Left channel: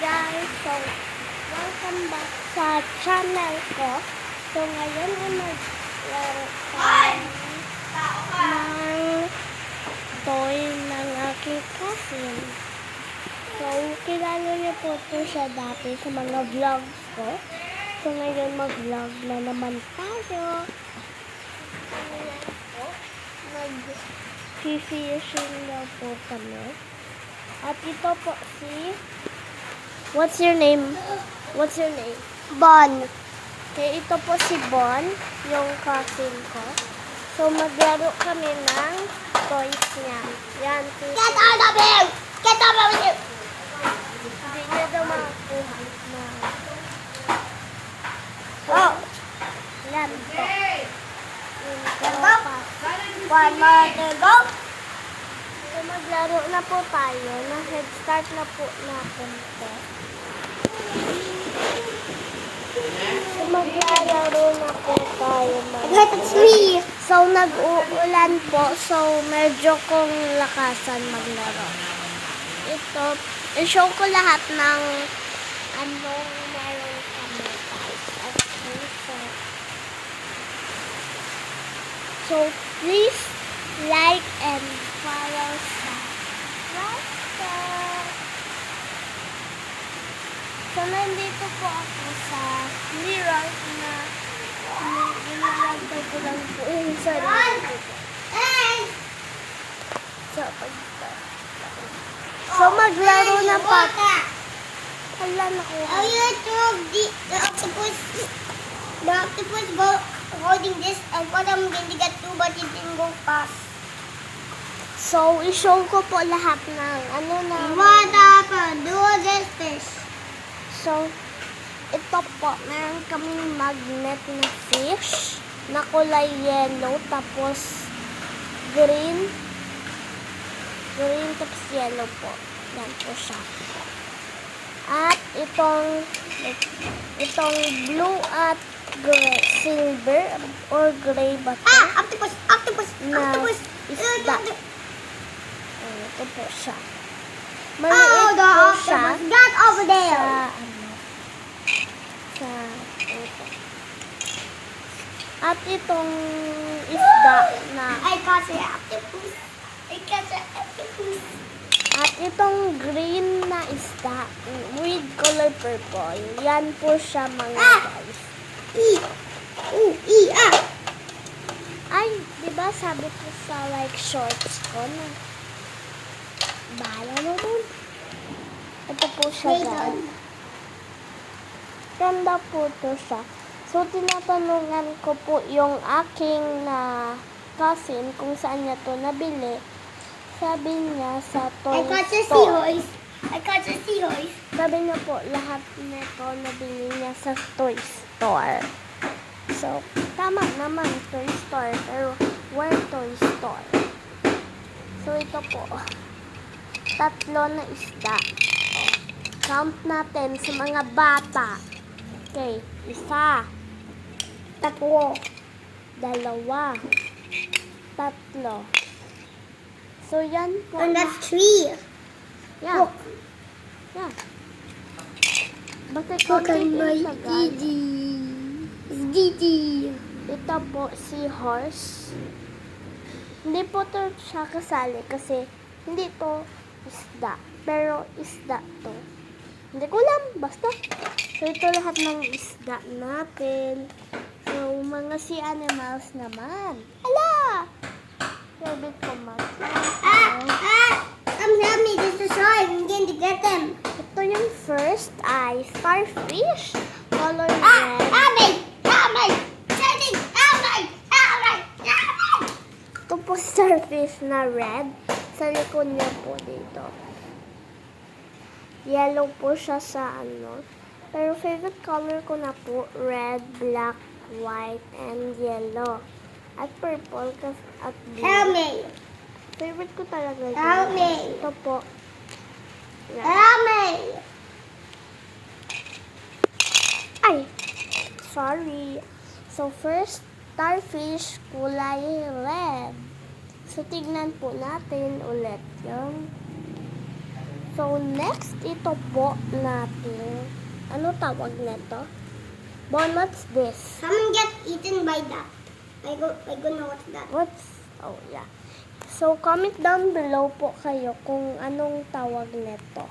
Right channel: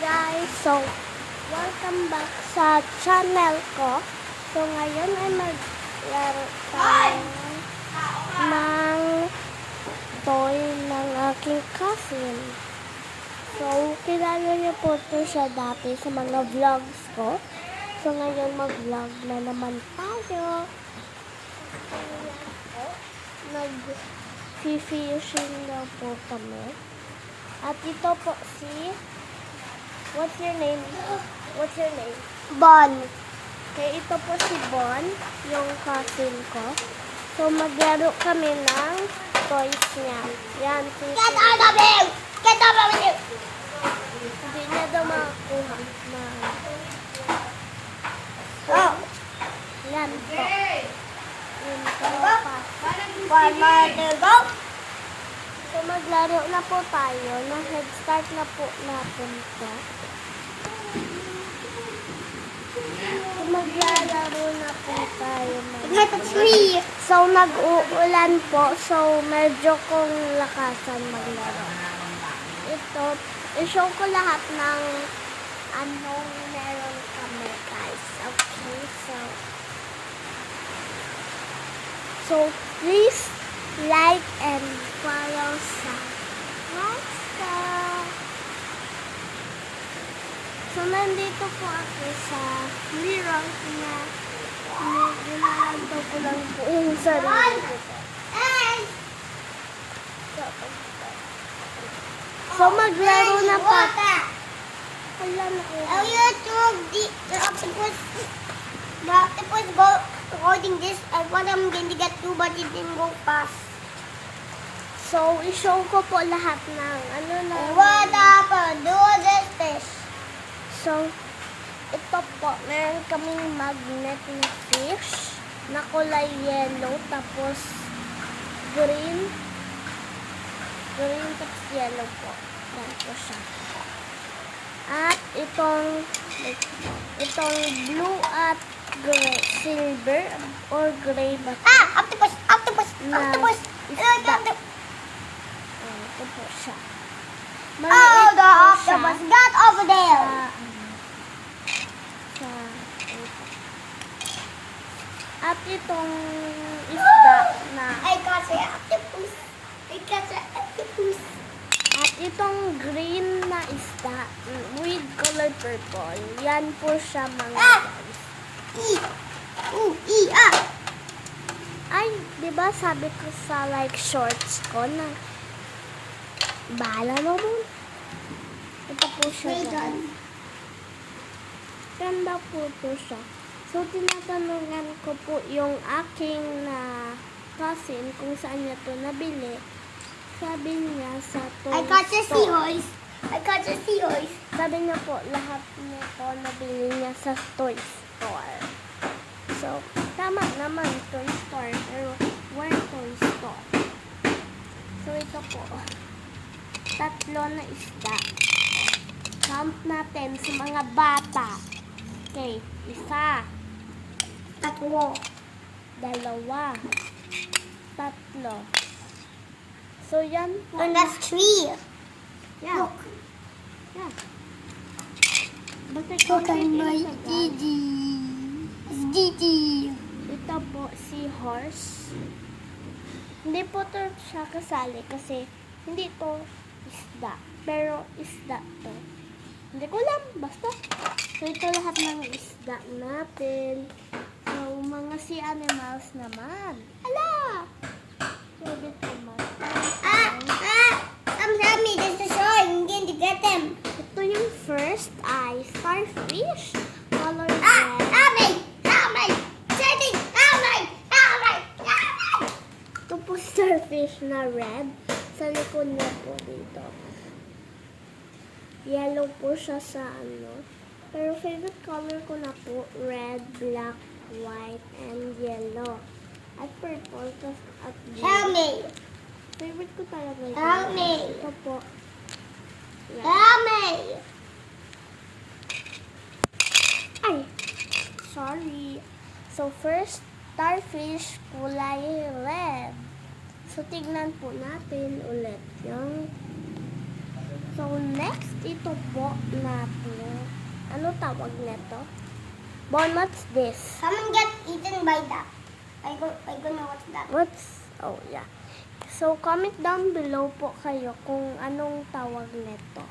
guys! So, welcome back sa channel ko. So, ngayon ay maglaro tayo ng toy ng aking cousin. So, kilala niyo po ito siya dati sa mga vlogs ko. So, ngayon mag-vlog na naman tayo. Nag-fishing daw po kami. At ito po si... What's your name? What's your name? Bon. Okay, ito po si Bon, yung cousin ko. So, maglaro kami ng toys niya. Yan, si Get out of here! Get out of here! Hindi niya daw makakuha. Na... Oh! Yan po. Yun po. pa. One more to go. So, maglaro na po tayo. Na-head start na po natin ito. So, maglalaro na po tayo. mga-. So, nag-uulan po. So, medyo kong lakasan maglaro. Ito, i-show ko lahat ng anong meron kami, guys. Okay, so... So, please like and follow sa Lifestyle. So, nandito po ako sa Leroy na ginagawa ko lang po yung sarili ko. So, so maglaro na pa. Hala na ko. Oh, you throw the, octopus. The octopus go holding this. I want going to get two, but it didn't go fast. So, i-show ko po lahat ng ano na. What happened? Do this. So, ito po, meron kaming magnet na fish na kulay yellow tapos green. Green tapos yellow po. Yan po siya. At itong itong blue at gray, silver or gray ba to? Ah, octopus, octopus, Na octopus. isda. Oh, ito po siya. Oh, Maliit the po siya. That over sa there. ano sa ito. At itong isda na I got the octopus. I got the octopus. at itong green na isda with color purple. Yan po siya mga Ah! guys. E. Ooh, E, ah. Ay, 'di ba sabi ko sa like shorts ko na Bahala mo dun. Ito po siya guys. Ganda po to siya. So, tinatanungan ko po yung aking na cousin kung saan niya to nabili. Sabi niya sa toy I got store. seahorse. I got the seahorse. Sabi niya po, lahat nito nabili niya sa toy store. So, tama naman, toy store. Pero, where toy store? So, ito po. Tatlo na isda. Count natin sa mga bata. Okay, isa, Tatlo. dalawa, tatlo. So, yan po. And that's three. Yan. Look. Yan. Basta Look at my. Didi. Didi. Ito po si horse. Hindi po to siya kasali kasi hindi to isda. Pero isda to. Hindi ko alam. Basta. So ito lahat ng isda natin. So mga sea animals naman. Hala! Rabbit ko man. Ah, ah. Come help me. This is shark. I'm going to get them. Ito yung first ay starfish. Color Ah, red. Shining. Help me. Help me. Help me. Ito po starfish na red. Sa likod niya po dito. Yellow po siya sa ano. Pero favorite color ko na po, red, black, white, and yellow. At purple kas- at blue. me. Favorite ko talaga yun. Me. Ito po. Me. Ay! Sorry. So, first, starfish, kulay red. So, tignan po natin ulit yung So, next, ito po natin. Ano tawag nito? Bon, what's this? Someone get eaten by that. I go, I go know what's that. What's, oh yeah. So, comment down below po kayo kung anong tawag nito.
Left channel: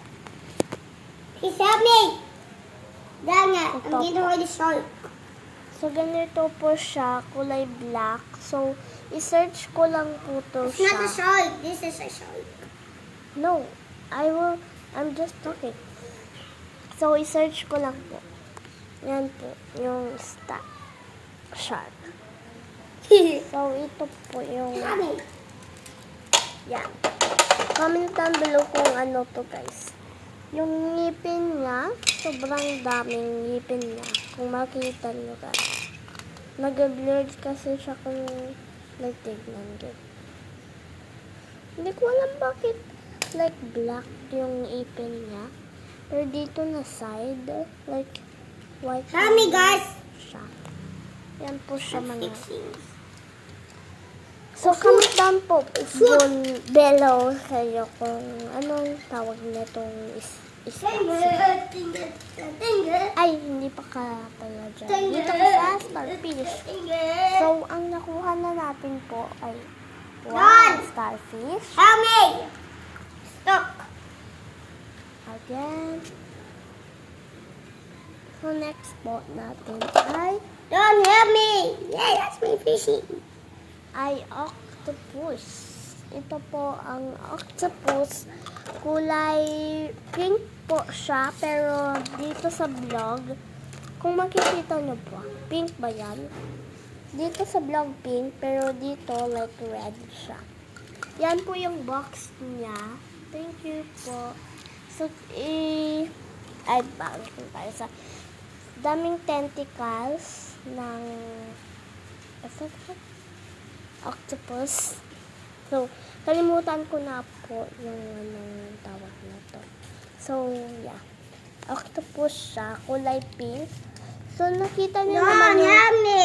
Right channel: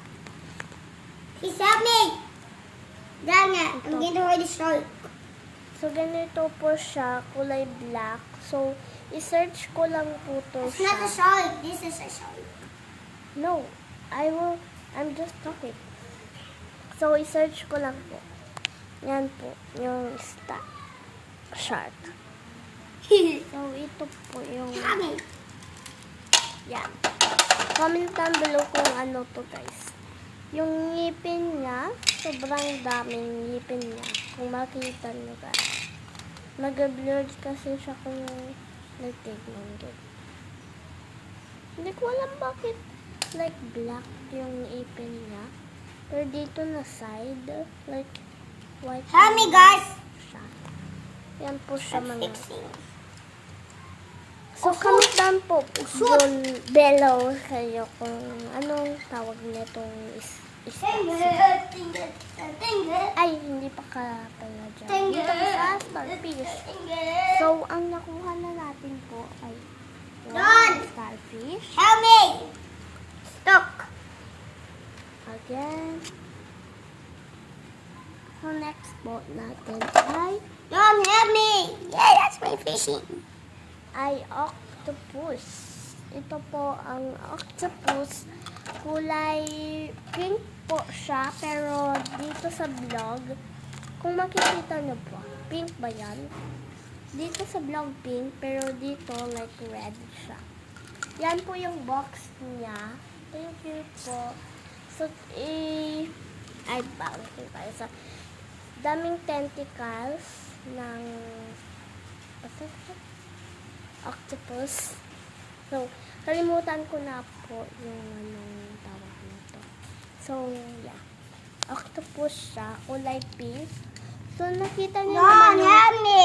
Dang it, I'm Ito getting po. already short. So, ganito po siya, kulay black. So, i-search ko lang po to It's not siya. a shark. This is a shark. No, I will, I'm just talking. So, i-search ko lang po. Yan po, yung sta shark. So, ito po yung, yan. Comment down below kung ano to guys. Yung ngipin niya, sobrang daming ngipin niya. Kung makita nyo guys. Nag-blurred kasi siya kung nagtignan din. Hindi ko alam bakit like black yung ipin niya. Pero dito na side, like white yung guys. siya. Yan po siya mga. So, comment down po doon below kayo kung anong tawag nitong is Ay, hindi pa ka pala dyan. Dito ka sa starfish. finger. So, ang nakuha na natin po ay one starfish. Help me. Stuck. Again. So, next po natin ay Don't help me. Yeah, that's my fishing. ay octopus. Ito po ang octopus. Kulay pink po siya, pero dito sa vlog, kung makikita nyo po, pink ba yan? Dito sa vlog pink, pero dito like red siya. Yan po yung box niya. Thank you po. So, i... Ay, bakit tayo sa... Daming tentacles ng... Octopus. So, kalimutan ko na po yung anong tawag na to. So, yeah. Octopus siya, kulay pink. So, nakita niyo naman Don't yung... help me.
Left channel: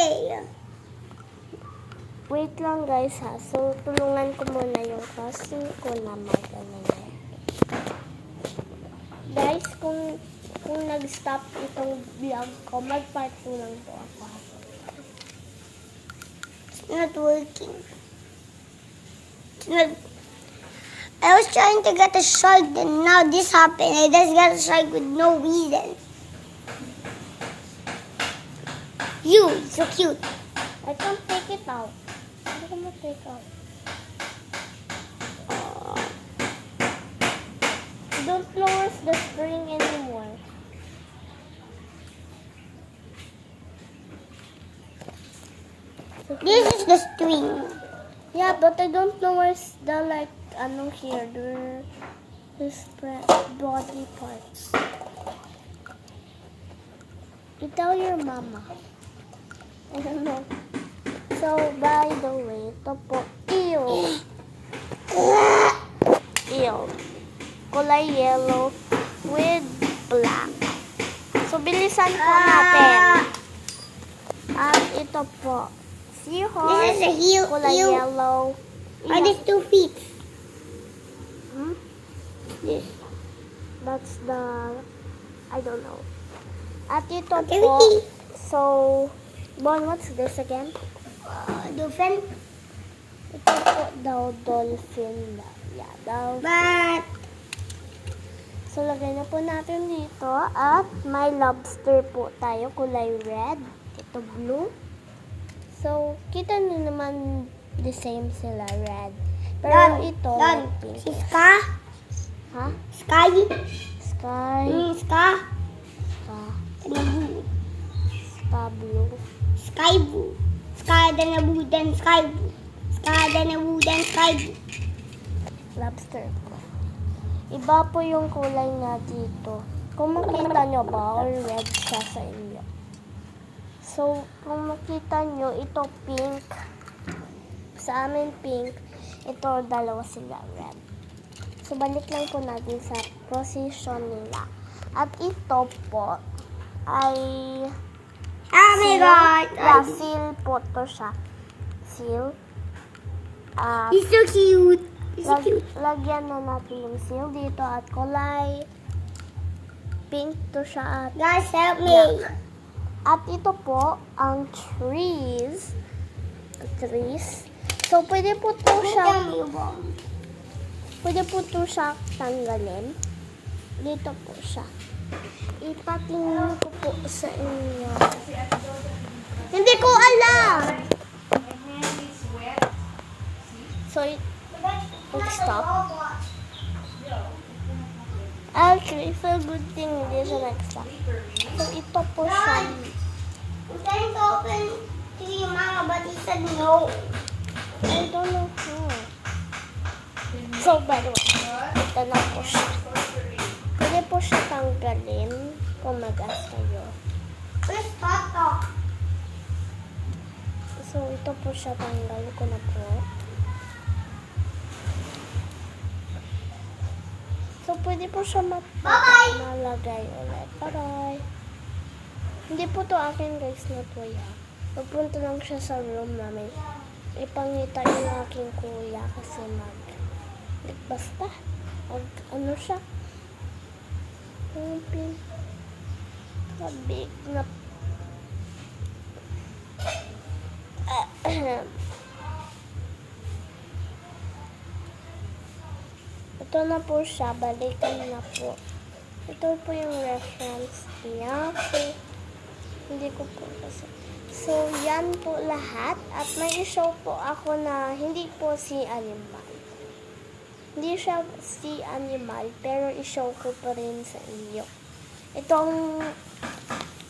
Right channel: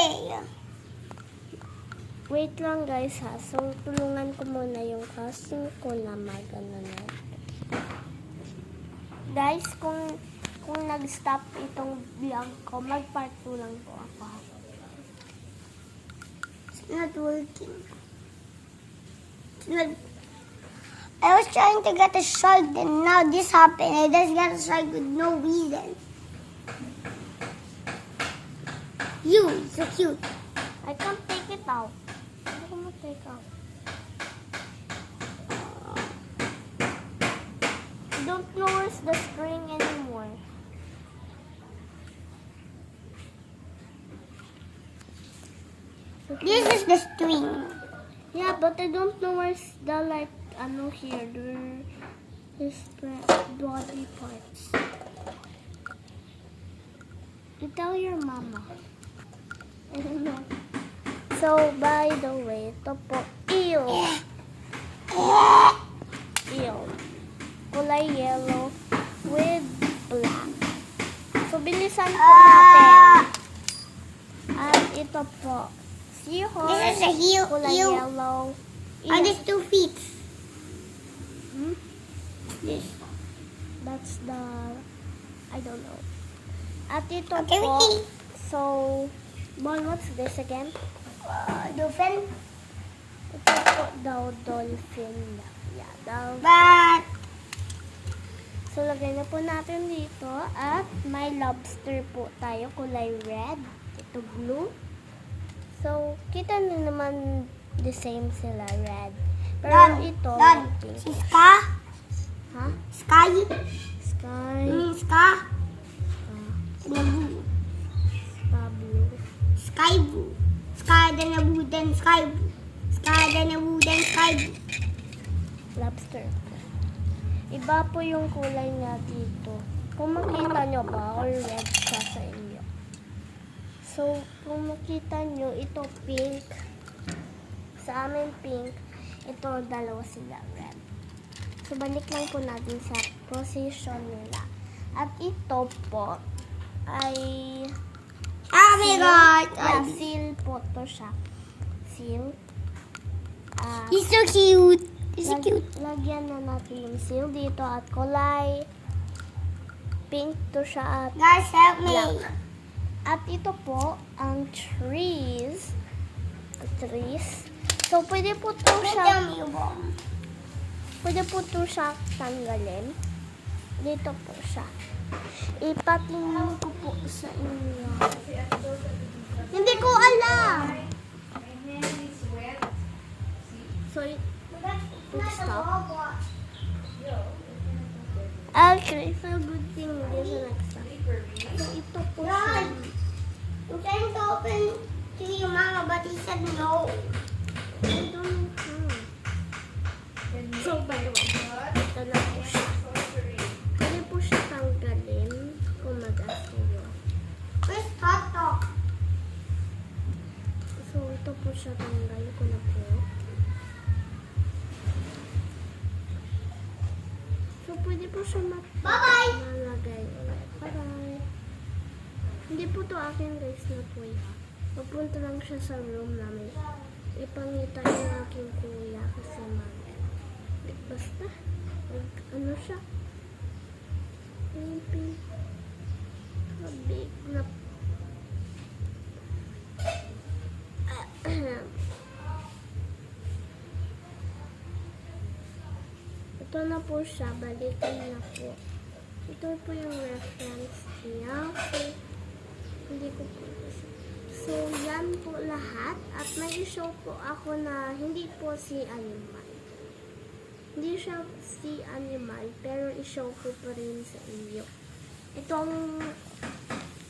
Wait lang guys ha. So, tulungan ko muna yung cousin ko na mag ano na. Guys, kung kung nag-stop itong vlog ko, mag-part 2 lang po ako. It's not working. It's not. I was trying to get a shark, and now this happened. I just got a shark with no reason. You, so cute. I can't take it out. Hindi ko ma-take out. I don't close the spring anymore. This is the string. Yeah, but I don't know where's the like ano here, the his body parts. You tell your mama. So, by the way, ito po, eel. Eel. Kulay yellow with black. So, bilisan po natin. At ito po, seahorse. This is a heel. Kulay heel. yellow. Are these two feet? This. That's the, I don't know. At ito Okay, po, so, Bon, what's this again? Uh, dolphin. Ito po daw, dolphin daw. Yeah, daw. But So, lagay na po natin dito. At may lobster po tayo, kulay red. Ito blue. So, kita nyo naman the same sila, red. Pero Don, ito, Don, pink. si Ska, Ha? Sky, Sky, mm, Ska, Ska, blue. Ska blue. Sky blue. Sky then a blue, then sky blue. Sky then a blue, then sky blue. lobster po. Iba po yung kulay na dito. Kung makita nyo ba, or red siya sa inyo. So, kung makita nyo, ito pink. Sa amin pink. Ito, dalawa sila red. So, balik lang po natin sa position nila. At ito po, ay Oh my seal. god. Yeah, seal po to siya. Seal. Ah, He's so cute. It's Lag- cute. lagyan na natin yung seal dito at kulay pink to siya at Guys, help me. black. At ito po ang trees. Trees. So, pwede po to siya. Pwede po to siya tanggalin. Dito po siya. Ipatingin ko po sa inyo. Hindi ko alam. So, stop. Actually, for good thing, hindi siya nag-stop. So, ito po siya. I'm trying to open to you, Mama, but he said no. I don't know. So, way, ito na po siya. Pwede po siya tanggalin kung mag-ask kayo. Where's Tata? So, ito po siya tanggal ko na po. So, pwede po siya malagay ulit. Bye-bye! Hindi po to akin guys na po yan. Pupunta lang siya sa room namin. Ipangita yung aking kuya kasi mag... Basta. Mag, ano siya? Pin... Mabig na... Ito na po siya. Balikan na po. Ito po yung reference niya. So, hindi ko po kasi. So, yan po lahat. At may show po ako na hindi po si animal. Hindi siya si animal, pero i-show ko pa rin sa inyo. Itong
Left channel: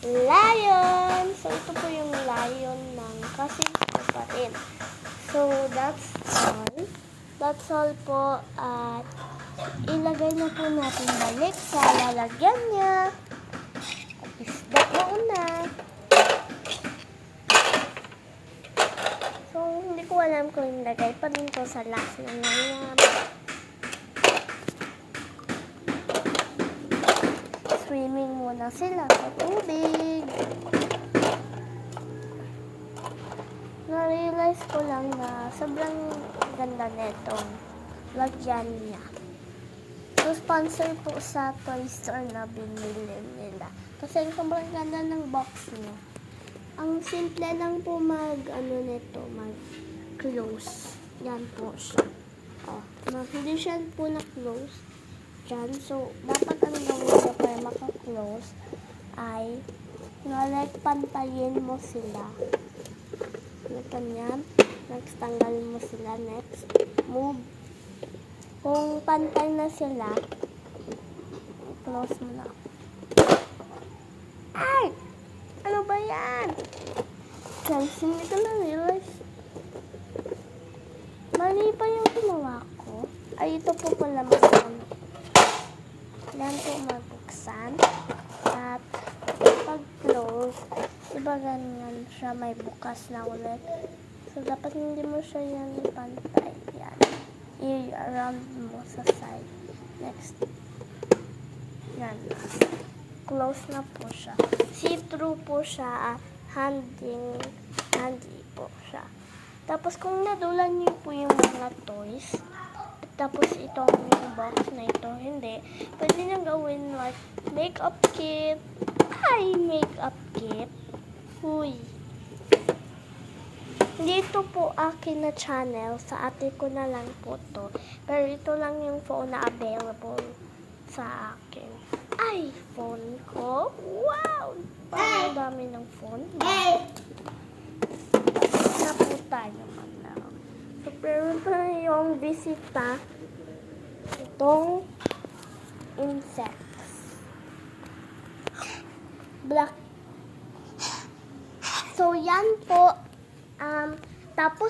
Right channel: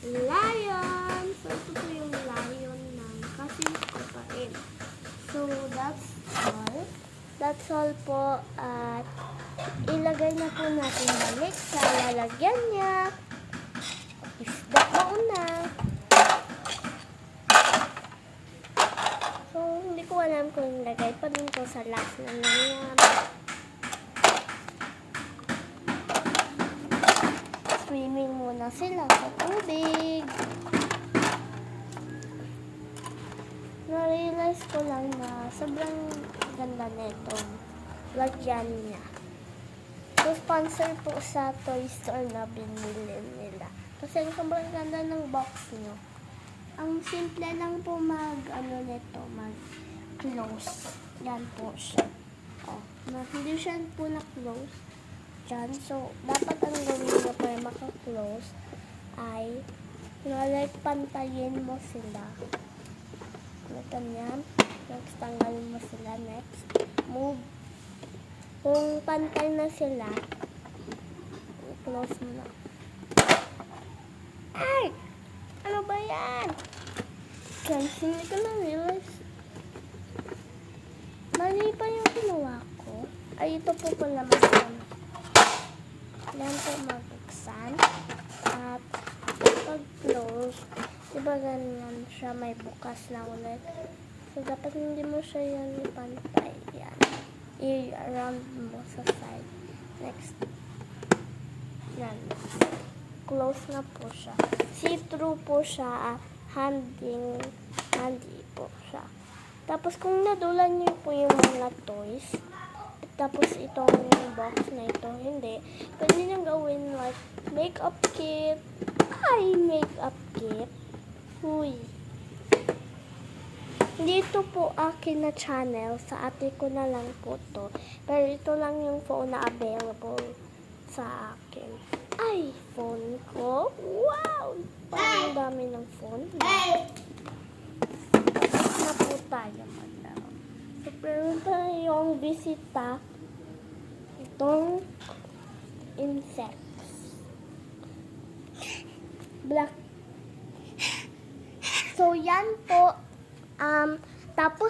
lion. So, ito po yung lion ng ko pa rin. So, that's all. That's all po. At ilagay na po natin balik sa lalagyan niya. Isda muna. So, hindi ko alam kung ilagay pa din to sa last na lang Swimming muna sila sa tubig. Na-realize ko lang na sobrang ganda netong lagyan niya. So, sponsor po sa toy store na binili nila. Kasi sobrang ganda ng box niyo. Ang simple lang po mag, ano nito, mag close. Yan po siya. Oh, na, hindi siya po na-close. Diyan. So, dapat ang gawin mo para maka-close ay like pantayin mo sila. Ganyan. Next, tanggalin mo sila. Next, move. Kung pantay na sila, close mo na. Ay! Ano ba yan? Guys, hindi ko na realize. Mali pa yung ginawa ko. Ay, ito po pala mas Yan po magbuksan. At pag close, diba ganyan siya may bukas na ulit. So, dapat hindi mo siya yan pantay. Yan. I-round mo sa side. Next. Yan. Close na po siya. See-through po siya at handing, handy po siya. Tapos kung nadulan niyo po yung mga toys, tapos itong box na ito, hindi, pwede nyo gawin like makeup kit. Ay, makeup kit. Huy. Dito po akin na channel. Sa ate ko na lang po to. Pero ito lang yung phone na available sa akin. iPhone ko. Wow! Parang dami ng phone. Hey! na po tayo madam. So, pero pa yung bisita itong insects. Black. So, yan po. Um, tapos